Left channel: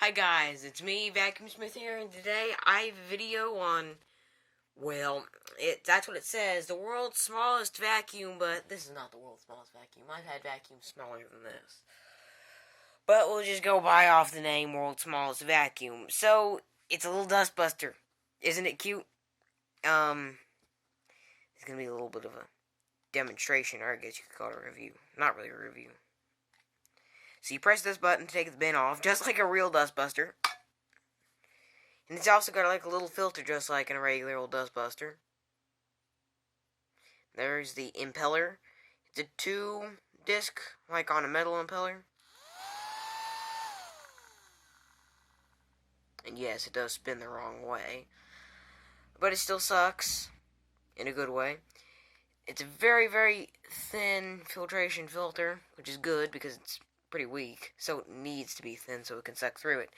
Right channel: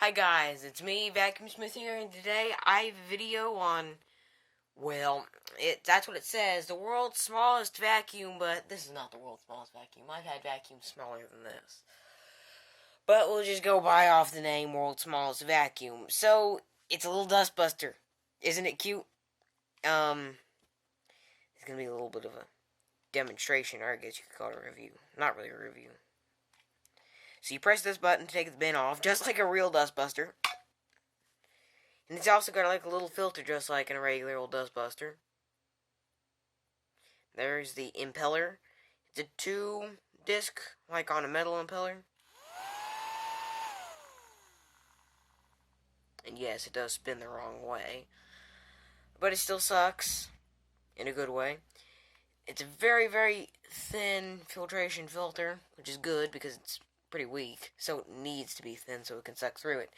Hi guys, it's me, Vacuum Smith here, and today I have a video on, that's what it says, the world's smallest vacuum, but this is not the world's smallest vacuum. I've had vacuums smaller than this. But we'll just go by off the name world's smallest vacuum. So, it's a little dustbuster. Isn't it cute? It's gonna be a little bit of a demonstration, or I guess you could call it a review. Not really a review. So you press this button to take the bin off, just like a real dustbuster. And it's also got like a little filter just like in a regular old dustbuster. There's the impeller. It's a 2-disc, like on a metal impeller. And yes, it does spin the wrong way. But it still sucks. In a good way. It's a very, very thin filtration filter, which is good because it's pretty weak. So it needs to be thin so it can suck through it.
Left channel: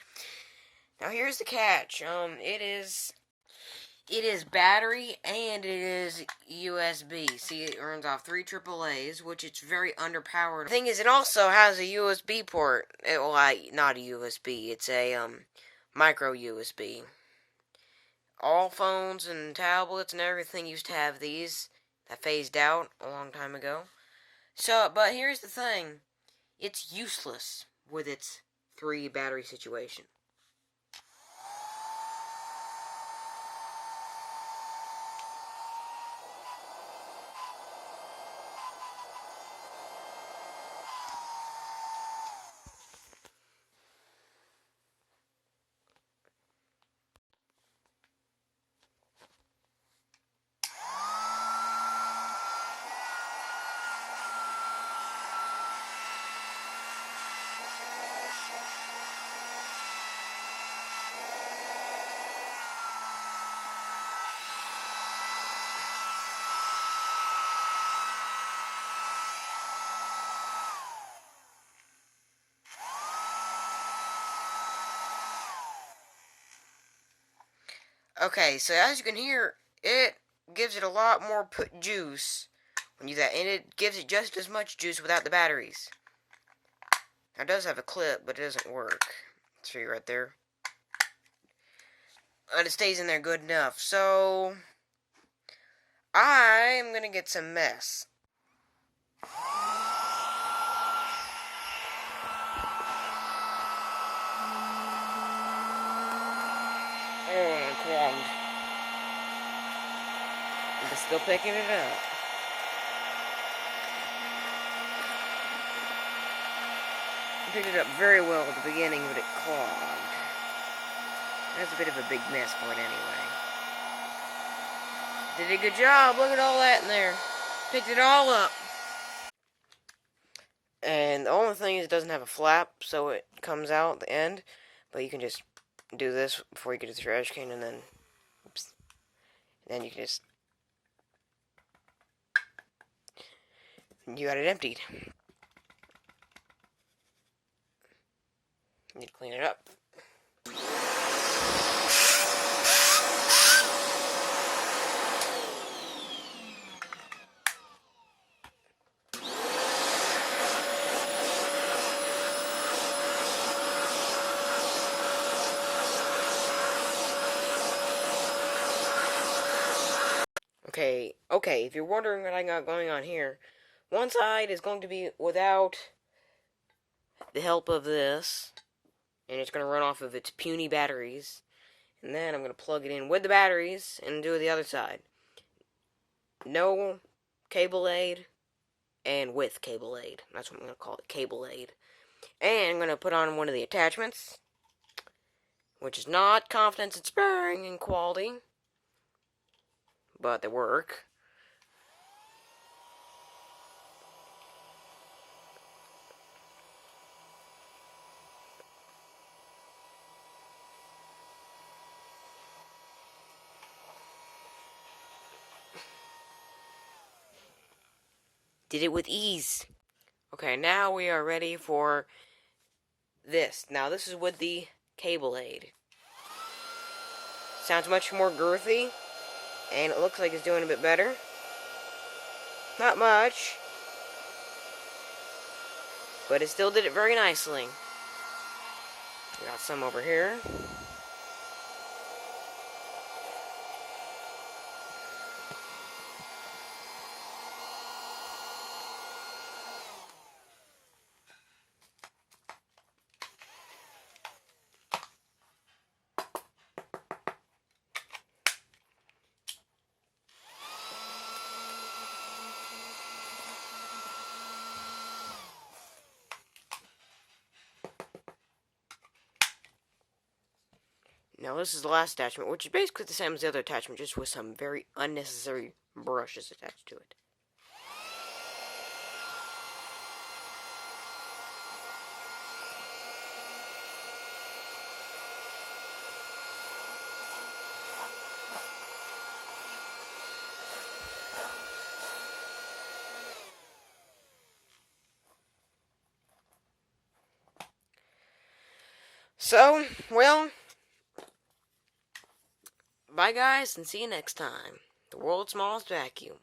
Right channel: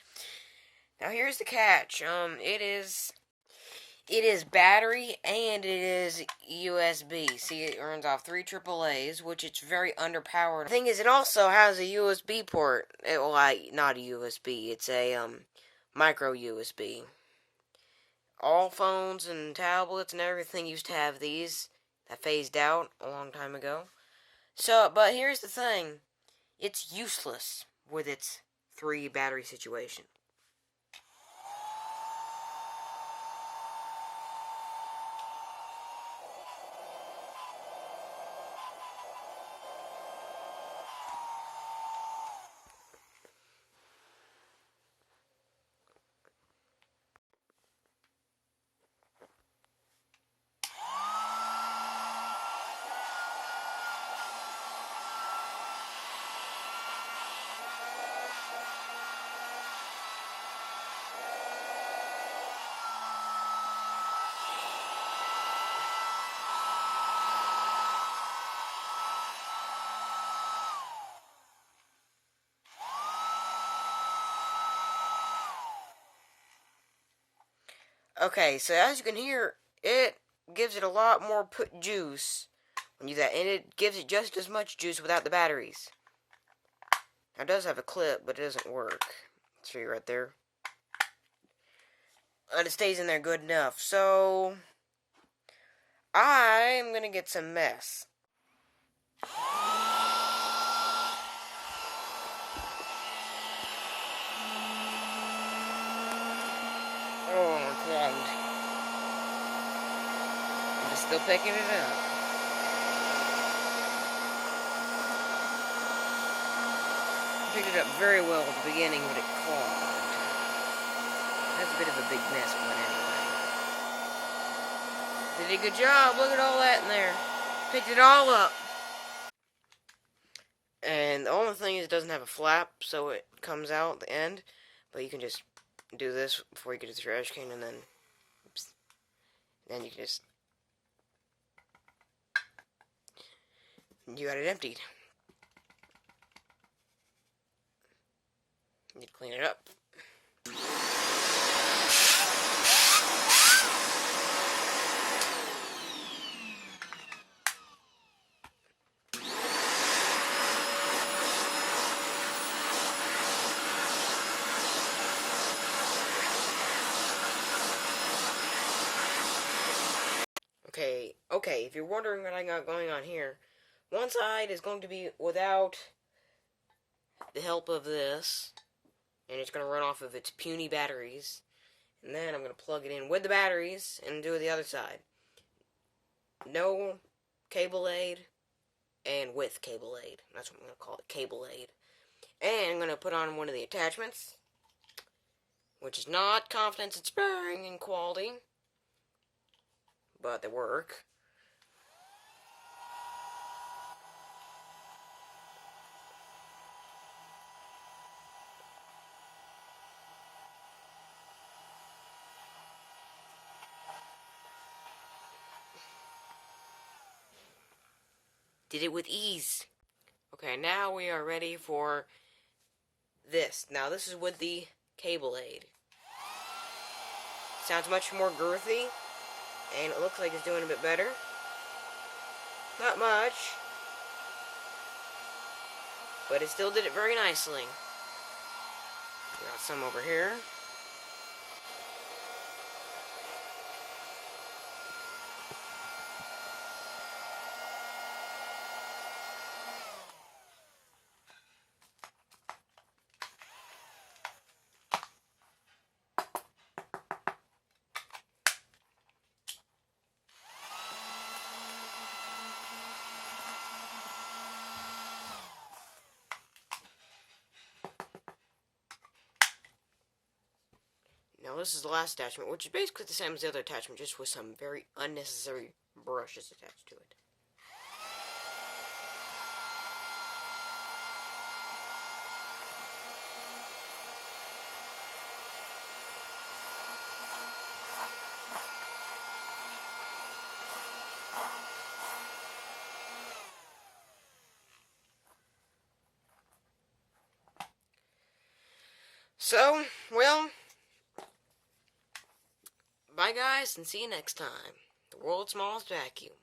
Now here's the catch. It is battery and it is USB. See, it runs off 3 AAAs, which it's very underpowered. The thing is, it also has a USB port. Not a USB. It's a micro USB. All phones and tablets and everything used to have these. That phased out a long time ago. But here's the thing. It's useless with its 3 battery situation. Okay, so as you can hear, it gives it a lot more juice when you do that, and it gives it just as much juice without the batteries. Now, it does have a clip, but it doesn't work. See right there. But it stays in there good enough. So, I'm gonna get some mess. Oh, I'm clogged. But still picking it up. I picked it up very well at the beginning, but it clogged. That's a bit of a big mess, but anyway. Did a good job. Look at all that in there. Picked it all up. And the only thing is it doesn't have a flap, so it comes out at the end. But you can just do this before you get to the trash can, and then, oops, then you can just, you got it emptied. You need to clean it up. Okay, if you're wondering what I got going on here, one side is going to be without the help of this, and it's going to run off of its puny batteries, and then I'm going to plug it in with the batteries and do the other side. No cable aid, and with cable aid. That's what I'm going to call it, cable aid. And I'm going to put on one of the attachments, which is not confidence inspiring in quality, but they work. Did it with ease. Okay, now we are ready for this. Now this is with the cable aid. Sounds much more girthy, and it looks like it's doing a bit better. Not much, but it still did it very nicely. Got some over here. Now this is the last attachment, which is basically the same as the other attachment, just with some very unnecessary brushes attached to it. So, well, bye guys, and see you next time. The world's smallest vacuum.